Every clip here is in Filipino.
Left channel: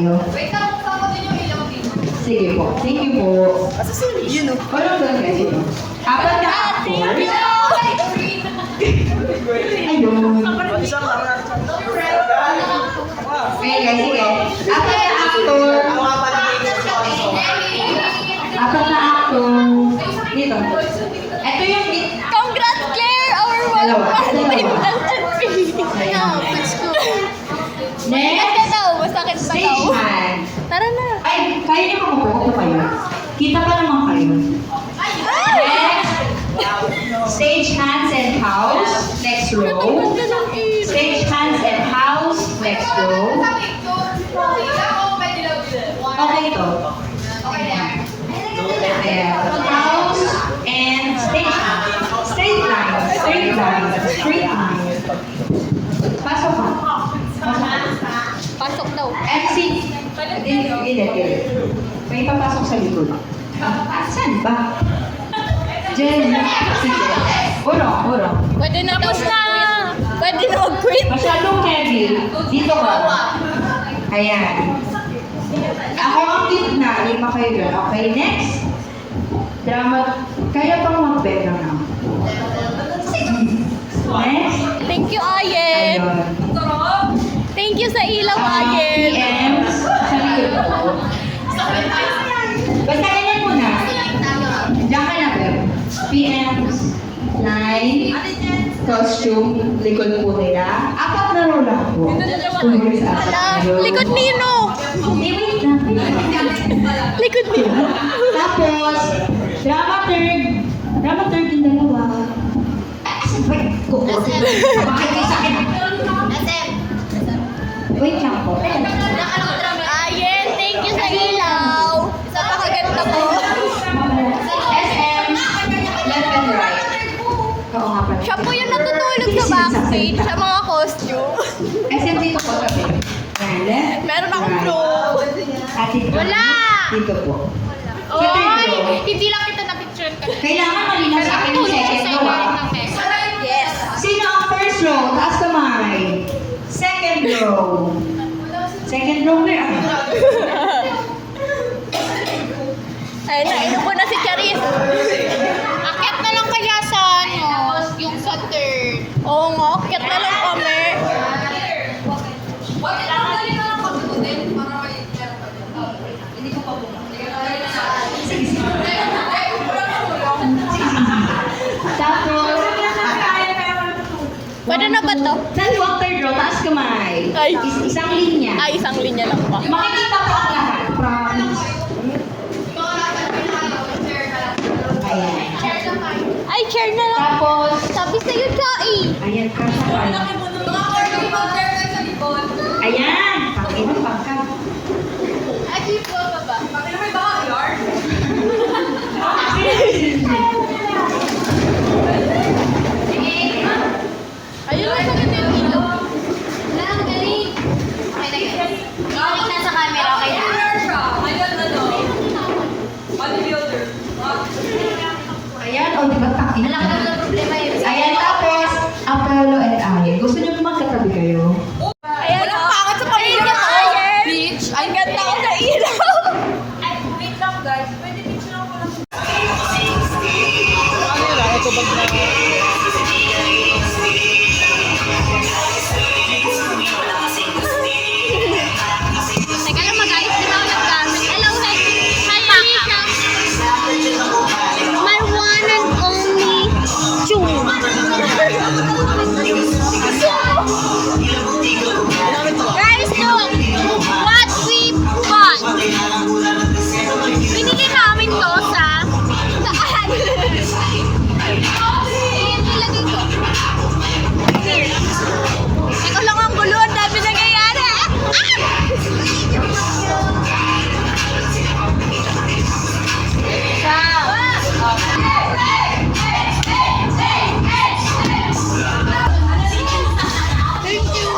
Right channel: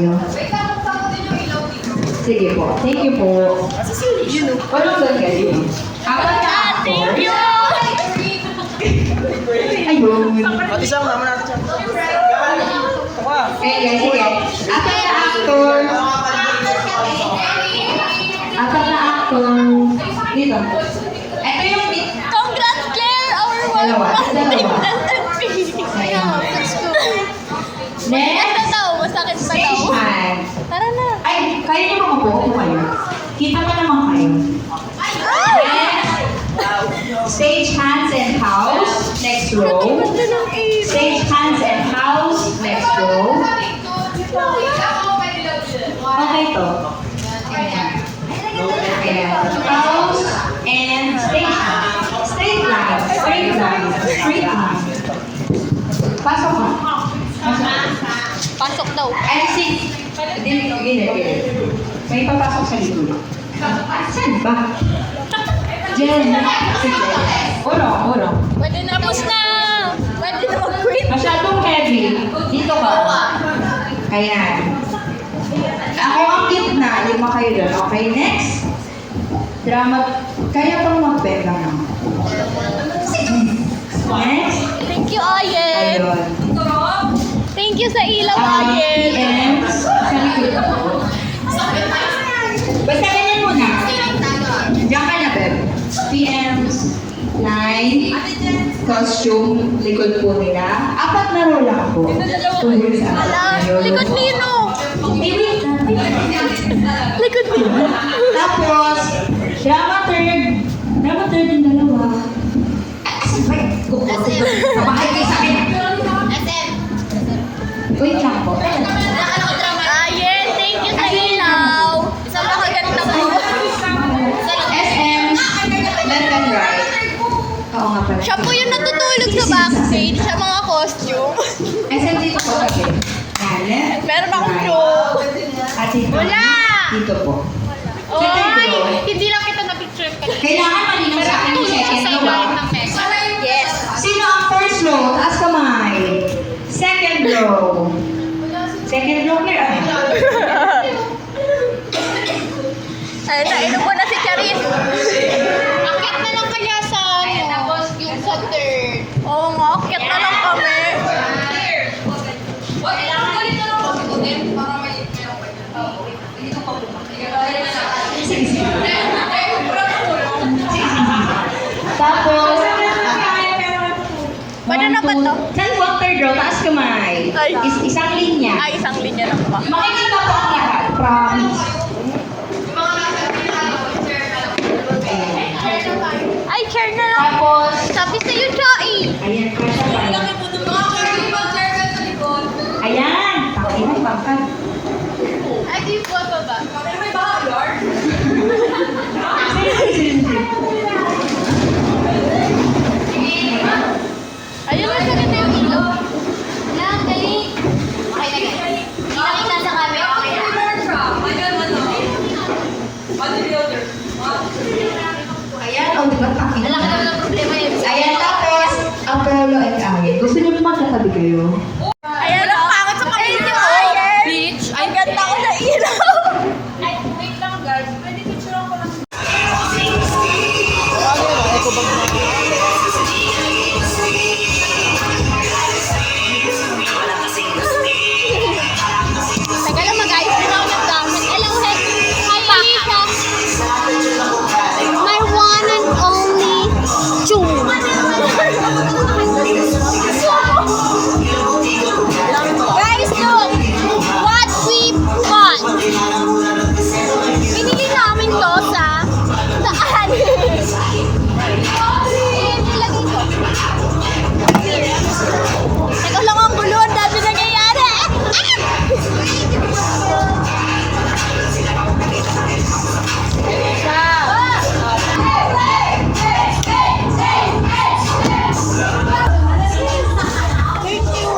tayo. Wait lang, buksan ko din yung ilaw dito. Sige po. Thank you po. Yun o. Walang doon kayo. Apat na Thank actors. you! Ayun. Isang naman natin. Okay guys, sige. Apat na actor. Apat na actor. Dito. Ito yung Congrats, Claire! Our Dalawa. positive Dalawa. SLP! Let's go. Masakit next. pa daw, masakit pa daw. Stage hand. Tara na. Ay, kaya nyo mga po kayo. Kita pa naman kayo. Next. Stage hands and house. Next row. Stage hands and house. Next row. Okay to. Ayan. House and stage hands. Straight line. Straight line. Straight line. Pasok na. Pasok na. Pasok daw. MC. Gilid. May papasok sa likod. Saan ba? Jen. Si Jen. Urong. Pwede na. Tapos na. Pwede na mag-quit. Masyadong heavy. Dito ka. Ayan. Ako ang gitna. Lima kayo dyan. Okay, next. Drama. Kaya pang mag-beg na. Next. Thank you, Ayen. Ayun. Thank you sa ilaw, Ayen. PMs. Sa likod ko. Basta ganyan muna. Diyan ka na, Beb. PMs. Line. Costume. Likod po nila. Apat na row lang po. 2 years after. Ayun. Likod Nino. Wait lang. Likod Nino. Tapos, drama third yung dalawa. Asan ba? Kabahay kayo sa akin. Wait lang po. Ayen, thank you sa ilaw. Sa pakaganda mo. SM, left and right. Oo nga pala. Siya po yung natutulog sa backstage sa mga costume. SM dito po kasi. Yan, left. Meron akong right. flow. At dito. Wala. Dito po. Oy, hindi lang kita na-picture ka. Kailangan malinaw sa akin yung Tulog siya second sa row. ilalim ng mesa. Yes. Sino ang first row? Taas kamay. Second row. Second row na. Ay, nainubo na si Charis. Akyat na lang kaya sa yung sa third. Oo nga, akyat na lang kami. Tapos, Pwede na ba to? Saan po ang third row? Taas kamay. Ay. Isang linya. Ay, isang linya lang pa. Makikita po ang lahat. Promise. Ayan. Ay, chair na lang. Tapos, Sabi sa'yo, Chai. ayan, kasha pa. Ayan. Takinan, pangkat. Ay, di po ba? Ayun lang sa ganda yung ilaw. Ayan, o diba takinan? Ayan, tapos, Apollo and Ayen. Gusto niyo po magkatabi kayo? Ayan, takot sa pamilya ko. Bitch, ang ganda ko sa ilaw. Ay, wait lang guys. Pwede picture ko lang. Eko bag na. Teka lang, mag-ayos din ako ng gamit. Hello, hi Alicia. My one and only Chung. Guys, look what we got. Binigay namin to sa saan? Ilagay ko. Ito lang ang gulo. Ang dami nangyayari.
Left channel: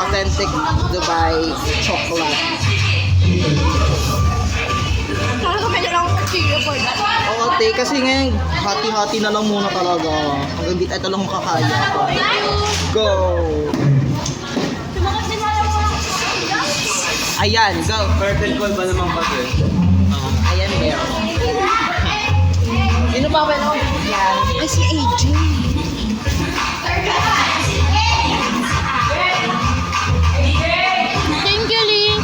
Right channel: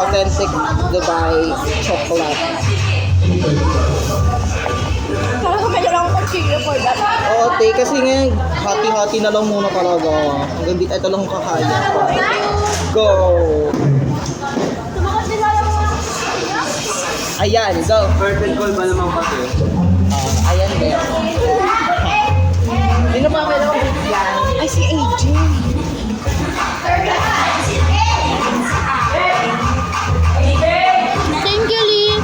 Authentic Dubai chocolate. Talaga lang mag-cheer for that. Oo, te, kasi ngayon, hati-hati na lang muna talaga. Hanggang di ito lang kakaya. Go! Ayan, go. Curtain call ba naman kasi? Ayan, there. Sino pa ba naman? Yan. Ay, si AJ. Thank you, Lynn.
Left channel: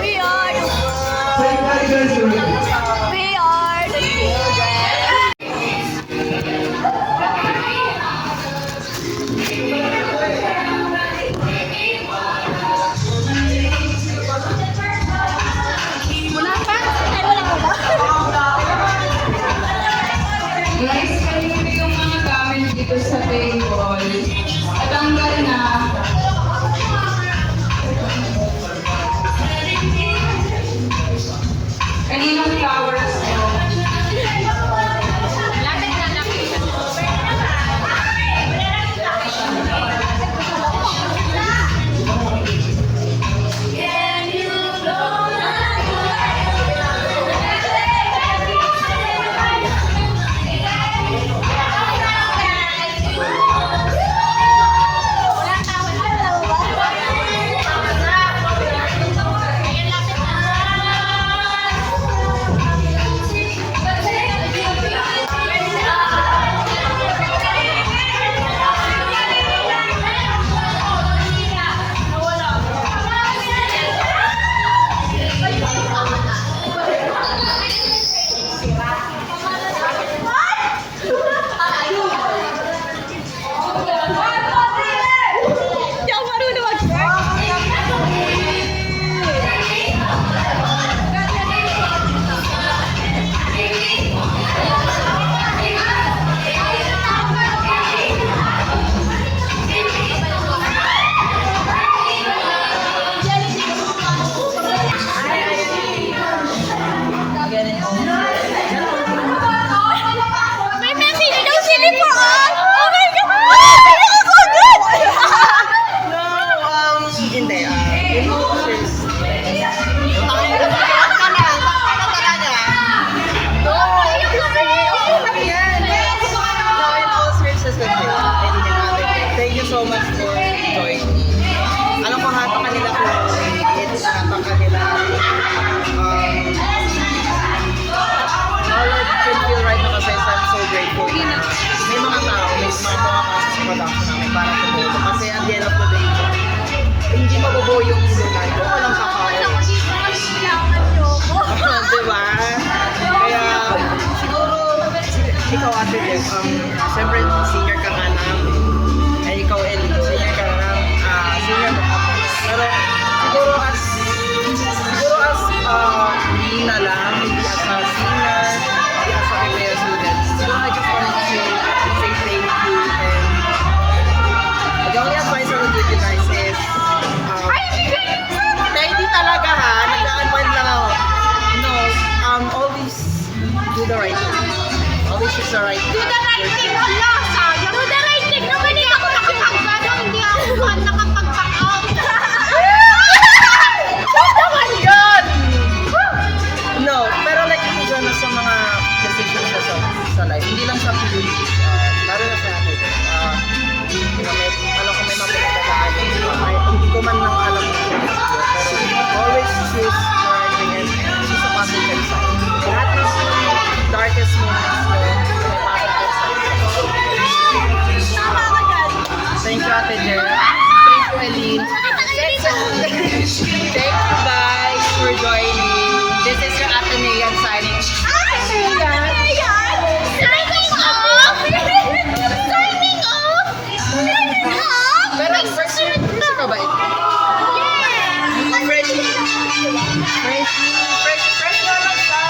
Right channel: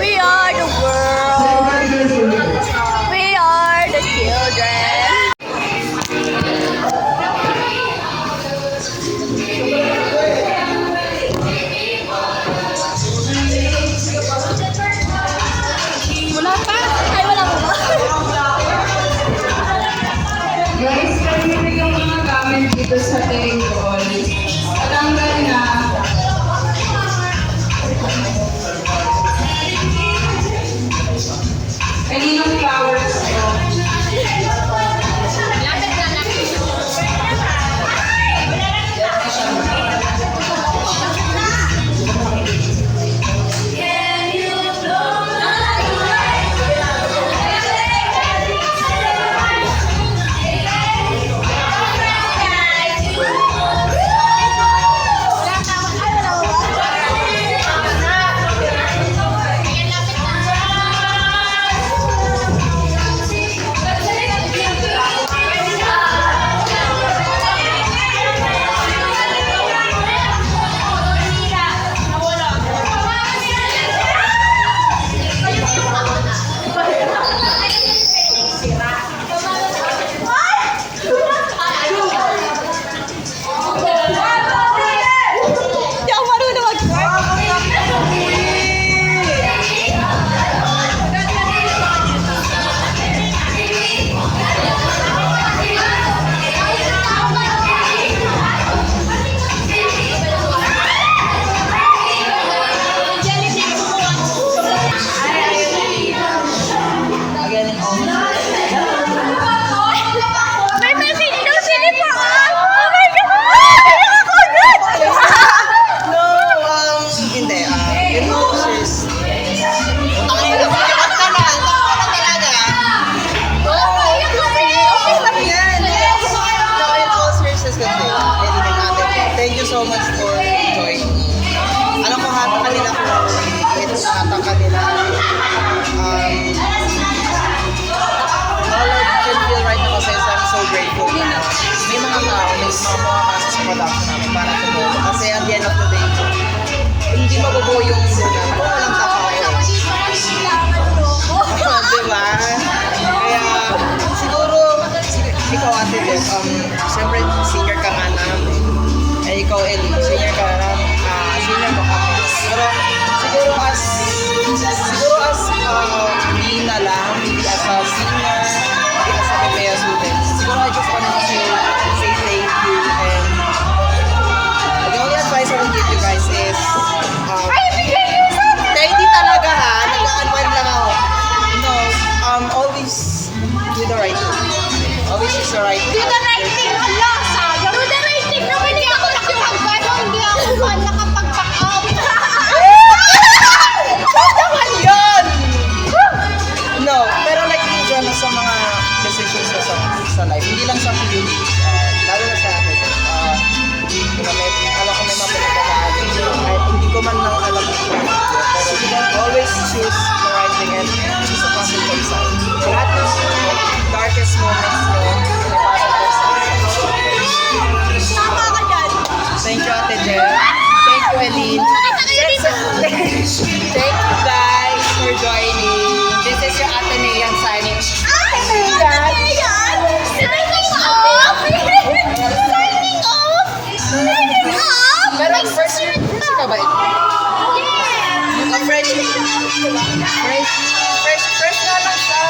We are the world. We are the children. Wala pa? Ay, wala mo ba? Guys, kanina yung mga gamit dito sa table. Patanggal na. Kaninong flowers ko? Lapit na, lapit na. Wala ka, wala mo ba? Ayan, lapit na. Hindi ako marunong mag-work. May message daw si Lipaan! Oh my God! Kaya ako agad! No, hindi. Yung sis. Tawag ka na. Talaga. No, okay lang yan. So, yung all services kasi, thank you so much for joining me. Alam ko hata kanila ko, it's hata kanila. All I can feel right now kasi I'm so grateful na may mga tao, may mga kasi sa production namin para tumulong. Kasi at the end of the day, hindi mabubuo yung lunan kung walang kakayo. Diba? Kaya siguro, ikaw ate Des, siyempre senior ka nga namin. Ay ikaw Ellie, senior ka na, senior ka kami. Pero siguro as Lina lang, hindi as a senior, hindi as a Pepea student. Siguro I just want to say thank you and the only advice I will give you guys is hindi talaga ha, nag-unwind lang ako. No, always do the right thing. Always choose the right path. Do the right thing, yes! Do the right thing! Naman hindi ako nakipagpano, hindi ako nakapag-back out. Saan naman yun? No, pero like in general sa mga decisions na sa life, hindi lang sa PUP, lalo na sa akin. Alam ko may mga pinagkakaalam. Hindi ko man lang alam yung pero always choose the right thing and choose the positive side. Lahat ng darkest moments nyo, Tama ka dyan. thank you Ate Jen. Thank you Eileen. Nakita kayo dito. Thank you guys for joining. This is your Ate Mayan signing. Ate Mayan! Signing off! Signing off! Signing off! Pero first ka ba ito? Fresh na lang siya.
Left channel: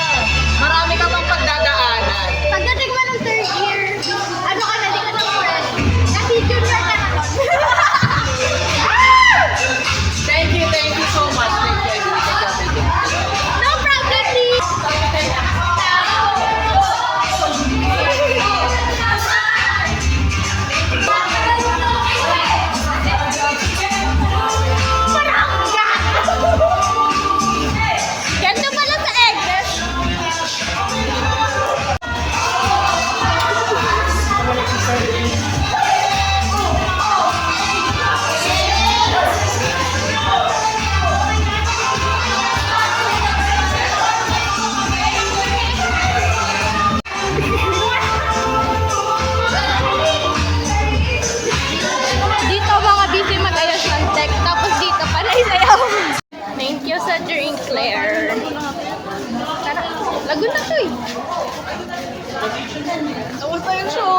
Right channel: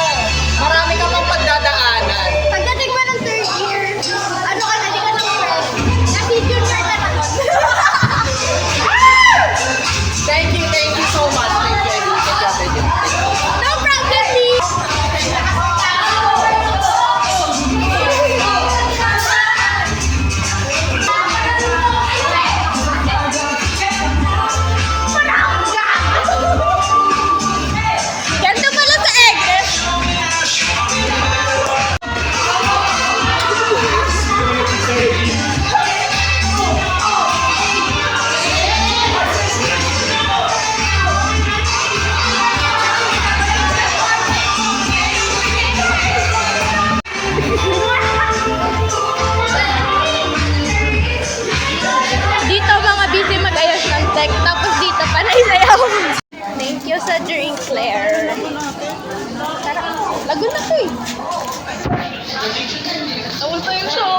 Ayaw. Thank you sa drink, Claire. Tara, lagun na to eh. Nawal pa yung show.